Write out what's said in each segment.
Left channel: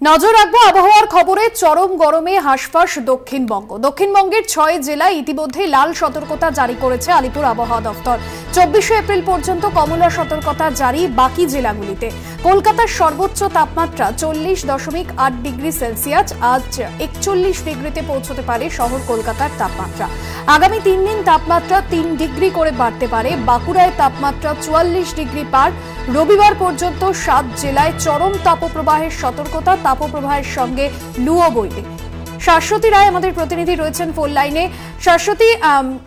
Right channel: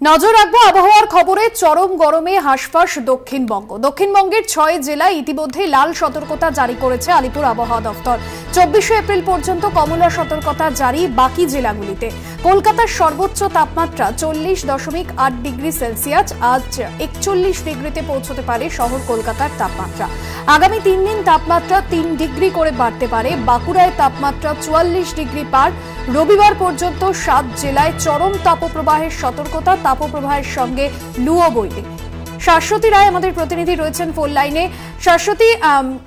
নজর রাখবো আবহাওয়ার খবরে। চরম গরমে হাঁসফাঁস দক্ষিণবঙ্গ। দক্ষিণবঙ্গের 6 জেলায় ইতিমধ্যে লাল সতর্কতা জারি করেছে আলিপুর আবহাওয়া দফতর। 24শে এপ্রিল পর্যন্ত কমলা সতর্কতা জারি বাকি জেলাগুলিতে। কলকাতার সর্বোচ্চ তাপমাত্রা 40.8 ডিগ্রি সেলসিয়াস, আজ 41 ডিগ্রিতে পৌঁছতে পারে শহর কলকাতার তাপমাত্রা। আগামী 3 দিন তাপমাত্রা 3 ডিগ্রি করে বাড়তে পারে। বাঁকুড়ায় তাপমাত্রা 44 ডিগ্রি পার। রবিবার পর্যন্ত 7 জেলায় চরম তাপপ্রবাহের সতর্কতা, তাপপ্রবাহের সঙ্গে লুও বইবে। শাশ্বতী রায় আমাদের প্রতিনিধি রয়েছেন ফোন লাইনে। শাশ্বতী,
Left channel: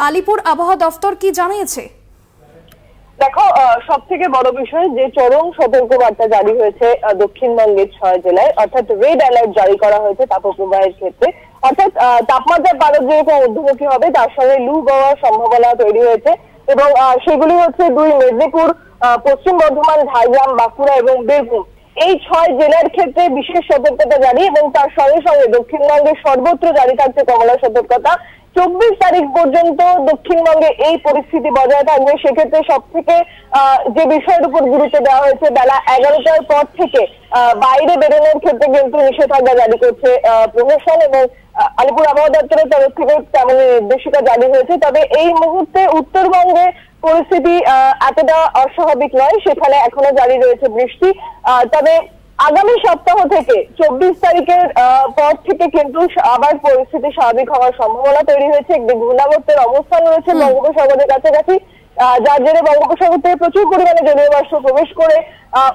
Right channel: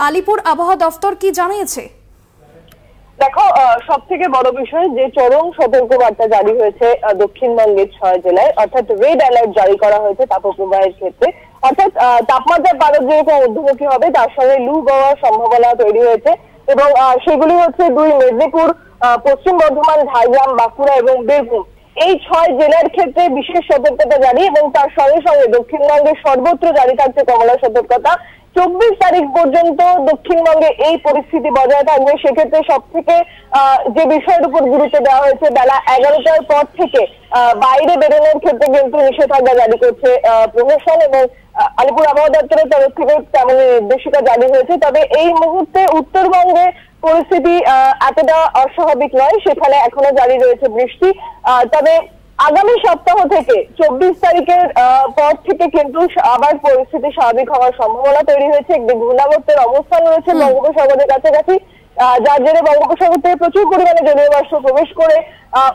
আলিপুর আবহাওয়া দফতর কি জানিয়েছে? দেখো, সব থেকে বড় বিষয় যে চরম সতর্কবার্তা জারি হয়েছে দক্ষিণবঙ্গের 6 জেলায়, অর্থাৎ রেড অ্যালার্ট জারি করা হয়েছে তাপপ্রবাহের ক্ষেত্রে। অর্থাৎ তাপমাত্রার পারদ যেরকম ঊর্ধ্বমুখী হবে তার সঙ্গে লু বওয়ার সম্ভাবনা তৈরি হয়েছে এবং সেগুলি হচ্ছে 2 মেদিনীপুর, পশ্চিম বর্ধমান, ঝাড়গ্রাম, বাঁকুড়া এবং বীরভূম। এই 6 জেলার ক্ষেত্রে বিশেষ সতর্কতা জারি এবং তার সঙ্গে সঙ্গে দক্ষিণবঙ্গের সর্বত্র জারি থাকছে কমলা সতর্কতা। 24 তারিখ পর্যন্ত দক্ষিণবঙ্গে এই পরিস্থিতি বজায় থাকবে। সেক্ষেত্রে সব থেকে যে বিষয়ের উপর গুরুত্ব দেওয়া হয়েছে, বেলা 11টার পর থেকে বাইরে বেরোনোর ক্ষেত্রে কিন্তু নিষেধাজ্ঞা জারি করছে প্রশাসন এবং আলিপুর আবহাওয়া দপ্তরের তরফ থেকে তেমন নির্দেশিকা জারি হয়েছে। তবে এই মুহূর্তে উত্তরবঙ্গে পরিস্থিতি এতটা অস্বাভাবিক নয়, সেখানে এখনো জারি রয়েছে বৃষ্টি। তবে আগামী সপ্তাহ থেকে 24 তারিখের পর থেকে কিন্তু আবার পরিস্থিতি স্বাভাবিক হওয়ার সম্ভাবনা তৈরি হয়েছে। একটি ঘূর্ণাবর্তের অবস্থান রয়েছে বঙ্গোপসাগরের কাছাকাছি, যার জন্য বঙ্গোপসাগর থেকে প্রচুর পরিমাণে জলীয় বাষ্প প্রবেশ করে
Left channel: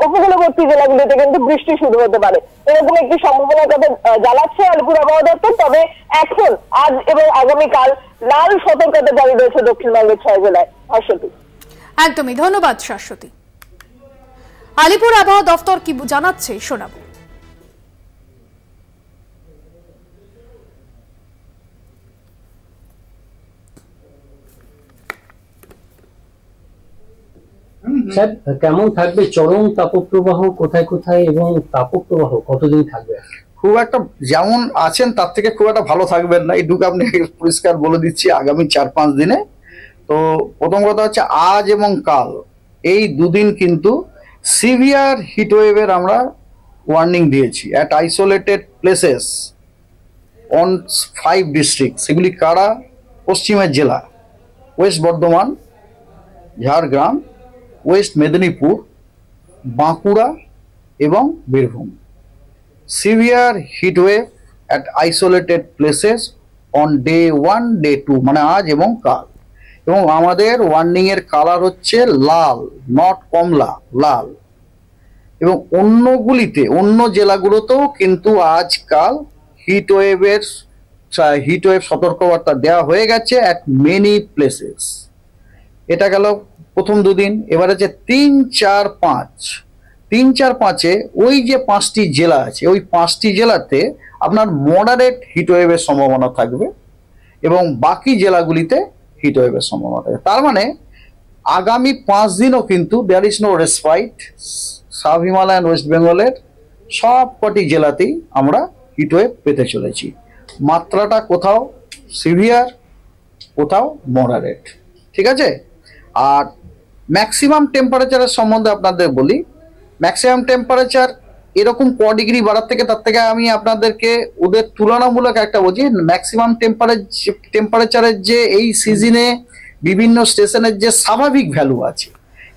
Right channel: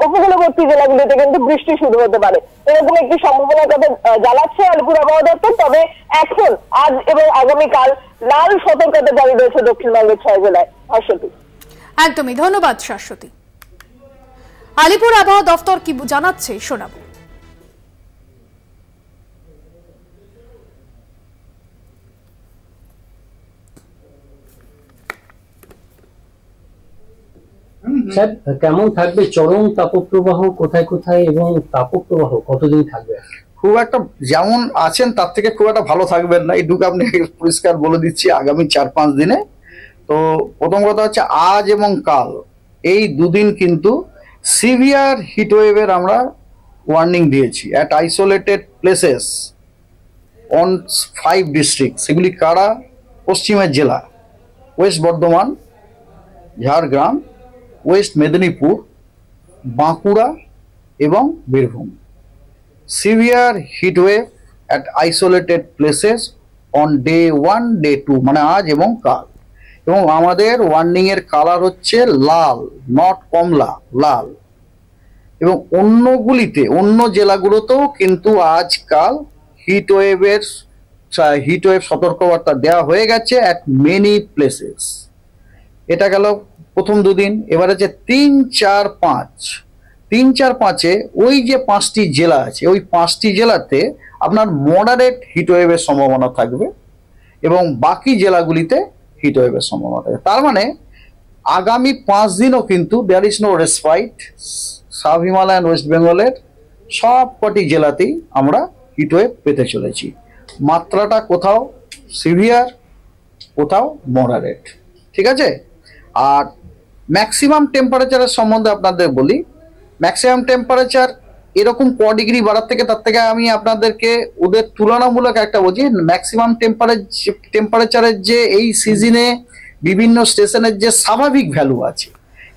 উপকূলবর্তী জেলাগুলিতে কিন্তু বৃষ্টি শুরু হতে পারে, এরকম একটি সম্ভাবনার কথা জানাচ্ছে আলিপুর আবহাওয়া দপ্তর। তবে এখন আজ এবং আগামীকাল লাল সতর্কতা জারি রয়েছে দক্ষিণবঙ্গের 6 জেলায়। শাশ্বতী, একদমই ধন্যবাদ শাশ্বতী। আলিপুর আবহাওয়া দফতর কি জানাচ্ছে শোনাবো। স্যার, কেমন থাকবে চরম তাপপ্রবাহ কোথায় কোথায় এবং তাপপ্রবাহ কতদিন থাকবে? খুব একটা যেমন আছেন তার থেকে খুব একটা ভালো থাকবেন না, এইটুকু আপনি পরিষ্কার বলে দিচ্ছি আগামী 4-5 দিনে। তো প্রথম কথা হচ্ছে আজ এবং কাল এই দুদিন কিন্তু সিভিয়ার হিটওয়েভের আমরা ওয়ার্নিং দিয়েছি at isolated places on 5 district. সেগুলি কারা? পশ্চিমের জেলা ওয়েস্ট বর্ধমান, ঝাড়গ্রাম, ওয়েস্ট মেদিনীপুর, বাঁকুড়া এবং Birbhum. Severe heatwave at isolated places on day 1, day 2, মানে আজ এবং কাল। এবং আমাদের ওয়ার্নিং এর কালার হচ্ছে লাল, নট কমলা, লাল। এবং অন্য জেলাগুলোতেও কিন্তু আজকাল হিটওয়েভ সতর্কবার্তা দেওয়া হয়ে গেছে অ্যাট মেনি প্লেসেস। এটা গেল প্রথম দুদিন। এবার হচ্ছে 3, 4, 5। 3, 4, 5-এ ওই যে 5টি জেলা আছে, ওই 5টি জেলাতে আপনার মডারেট হিটওয়েভের সম্ভাবনা থাকবে এবং বাকি জেলাগুলিতে হিটওয়েভের সম্ভাবনা থাকবে। তার মানে আগামী 5 দিনও কিন্তু there is no respite. Sub Himalayan West বেঙ্গলের সব কটি জেলাতেই আমরা হিটওয়েভ পেতে চলেছি। মাত্রাটা কোথাও সিভিয়ার, কোথাও মডারেট, ঠিক আছে? আর ম্যাক্সিমাম টেম্পারেচারের সম্বন্ধে আপনাদের বলি। ম্যাক্সিমাম টেম্পারেচার এরকম ক ডিগ্রি বাড়ার থেকে তার থেকে আমি আপনাদেরকে ওদের তুলনামূলক একটা বলছি। ম্যাক্সিমাম টেম্পারেচারের যে এই সিজনে বিভিন্ন স্টেশনের যে স্বাভাবিক ভ্যালু আছে,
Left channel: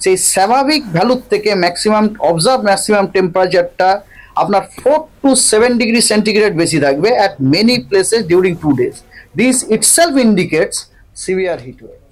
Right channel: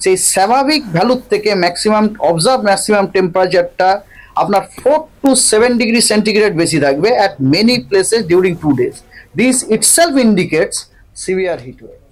সেই স্বাভাবিক ভ্যালুর থেকে ম্যাক্সিমাম টেম্পারেচারটা আপনার 4 to 7 ডিগ্রি সেন্টিগ্রেড বেশি থাকবে at many places during 2 days. This itself indicates severe heat wave.